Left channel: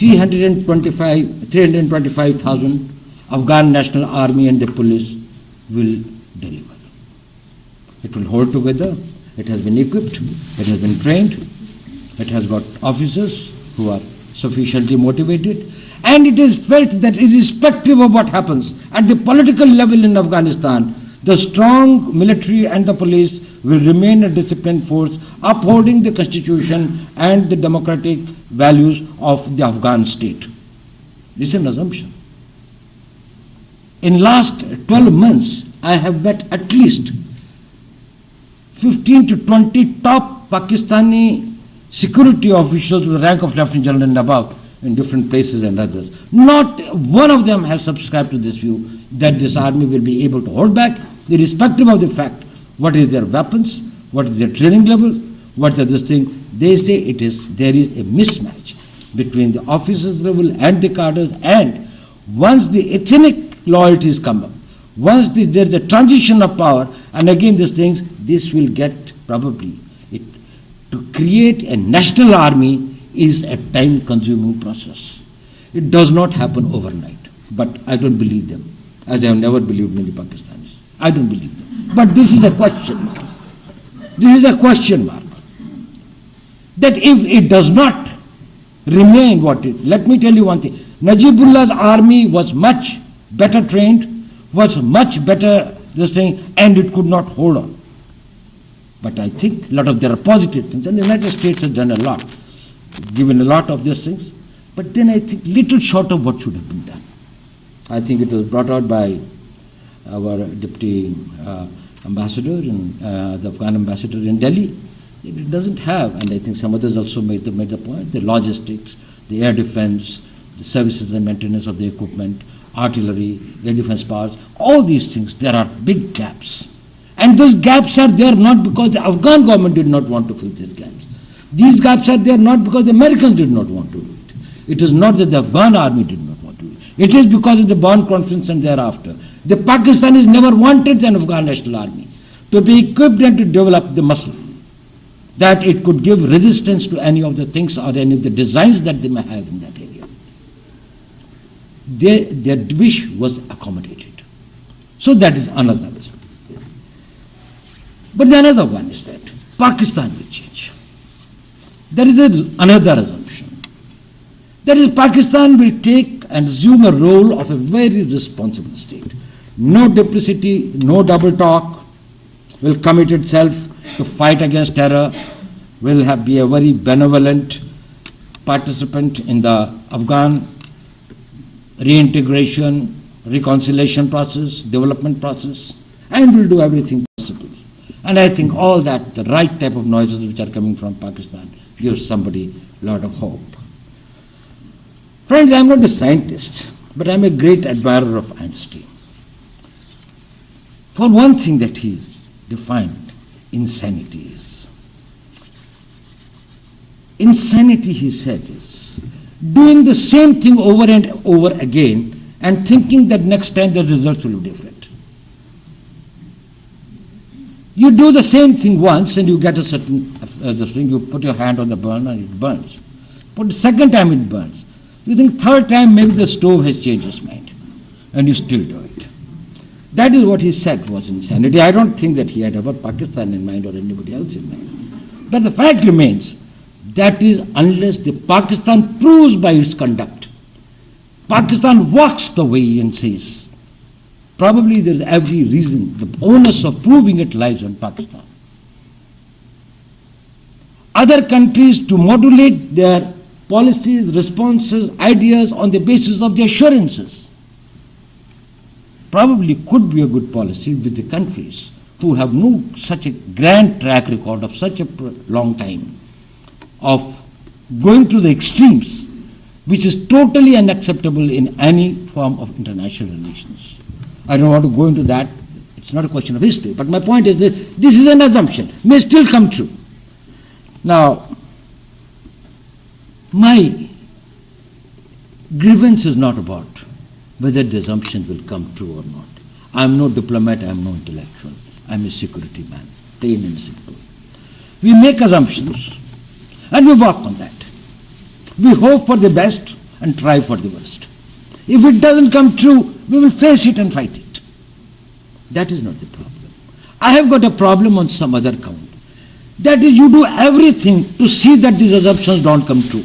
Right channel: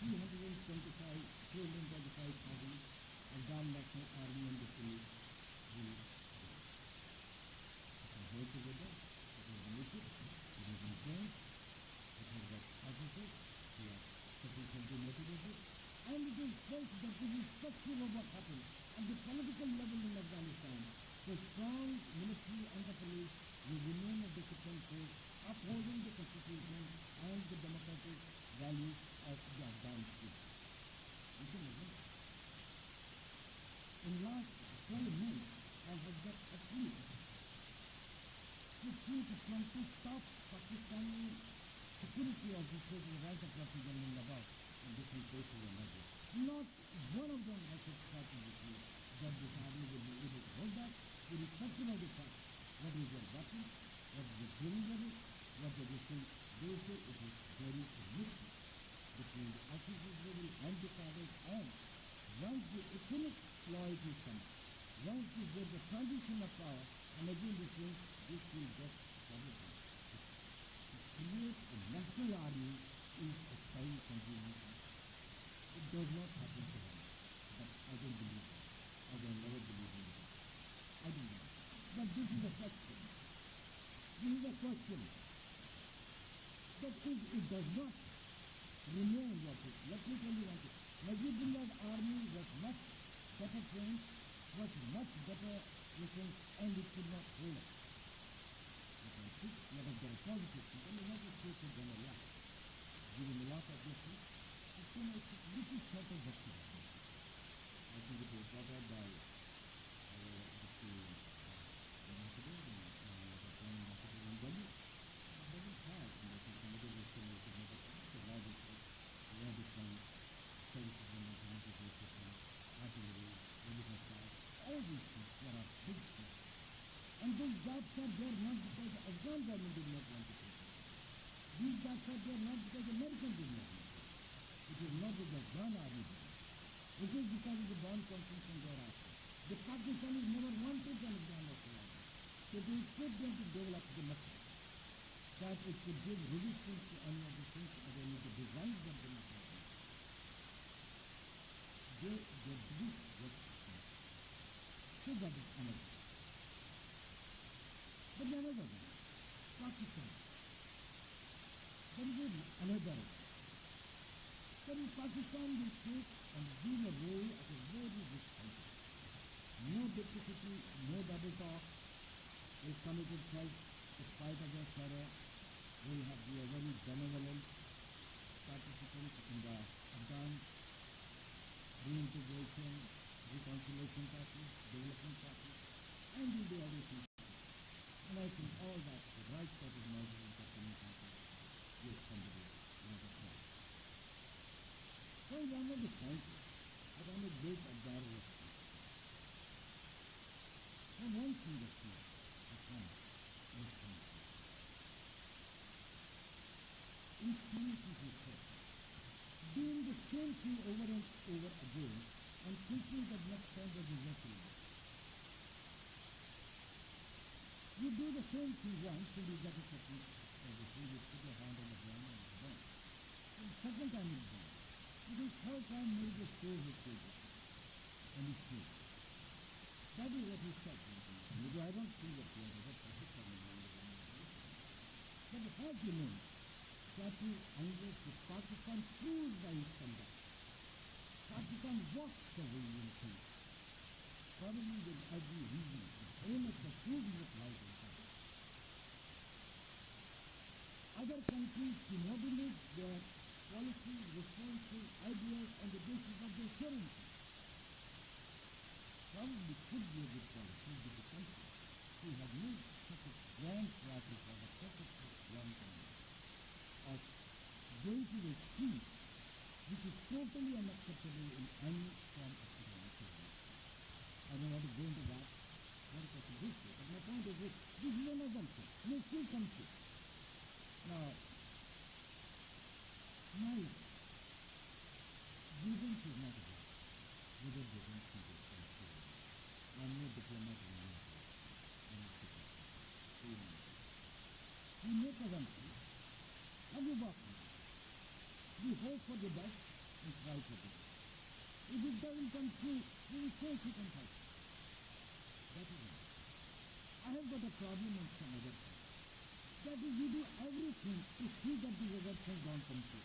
325,000 Afghan National Army and the police will deliver. It will hold together. It has been equipped. It has been trained. It has got officers who are sufficiently motivated. And it is felt that irrespective of what happens at the political level in Afghanistan, the strong military and the police will remain a disciplined force upholding the constitution and the democratic values of the Afghan state. This is an assumption. In last 12 months, I have met at least 15 to 20 top Pakistani security officials with the rank of Lieutenant General and above in different places and others. Not one of them has subscribed to this view that this army will be able to hold back, irrespective of the fact what is their weapons, what is their training level, what is this thing. They say there is a mismatch between the officers level and the cadres, and once the ethnic loyalties come up, once there is the transition of power, and again these things, this will get probably it. To create a national army is a time-consuming process. It does not happen overnight, but I don't believe them, as I have never believed many Pakistanis. I don't believe them. But this is a question mark. This is a question mark. That if it does not remain what it is, let me tell you one thing. Najibullah's army was much better trained, was much better this thing, and it could not hold on. But I think a lot of there are positive things, and the United States has done a lot, given a lot of these things. But then I think little short of what should have been done. I think it was brought out by our deputy ambassador, the Afghan ambassador in Delhi. It doesn't have, and I think some others also made the point, the logistics, the air defense, the services and maintenance of the equipment, artillery, air defense powers, all these things, there are big gaps. And those gaps are there not because the Afghan government did not want to fill these gaps. These gaps are there not because the Americans did not want to do it. It is not that the Afghan army did not want to do it. It is because of the Bonn Conference and thereafter. The Pakistanis never wanted an Afghan national army to be equipped and to develop the muscle that it could give resistance to any of the things or any of the designs that they may have in that area. Their wish was accommodated. So that is another reason. But the another one is that Pakistan will change. There is another assumption. That is, Pakistan will take and assume a role of a very responsible state. No duplicity, no double talk, will commit itself to fight against terror, will be a very benevolent participant in the Afghan reintegration, reconciliation process, development process, and will do everything possible. And I think all that, the right type of noises which are coming from Pakistan, gives somebody a lot of hope. Friends, I am not a scientist, but I am a great admirer of Einstein. For one thing that he defined, insanity is. Insanity, he said, is doing the same thing over and over again and thinking that next time the results will be different. You do the same thing once and you get a certain thing, you put your hand on the burner and it burns. But the second time it burns. You think third time maybe the stove has changed its mind and you still do it. That is what he said was insanity. I don't think that he had ever Pakistan in mind or anybody else in mind. But the fact remains, that is unless the Pakistan proves by its conduct. Pakistan walks the way and says, probably there is every reason, the onus of proving it lies on Pakistan. Other countries to modulate their policies, responses, ideas on the basis of the assurances probably could be a good policy with the countries who have no such a grand track record of such a long time of going to the extremes, which is totally unacceptable in any form of international relations. I don't want to go into that. It's not a question of history. But my point is that this is an assumption, may still come true. Now, my grievance is not about whether the assumption will come true or not. I am no diplomat, I am no intellectual. I am a security man, plain and simple. We make assumptions and we work on that. We hope for the best and try for the worst. If it doesn't come true, we will face it and fight it. That is not the problem. I have got a problem on some other count. That is, you do everything to see that these assumptions don't come true.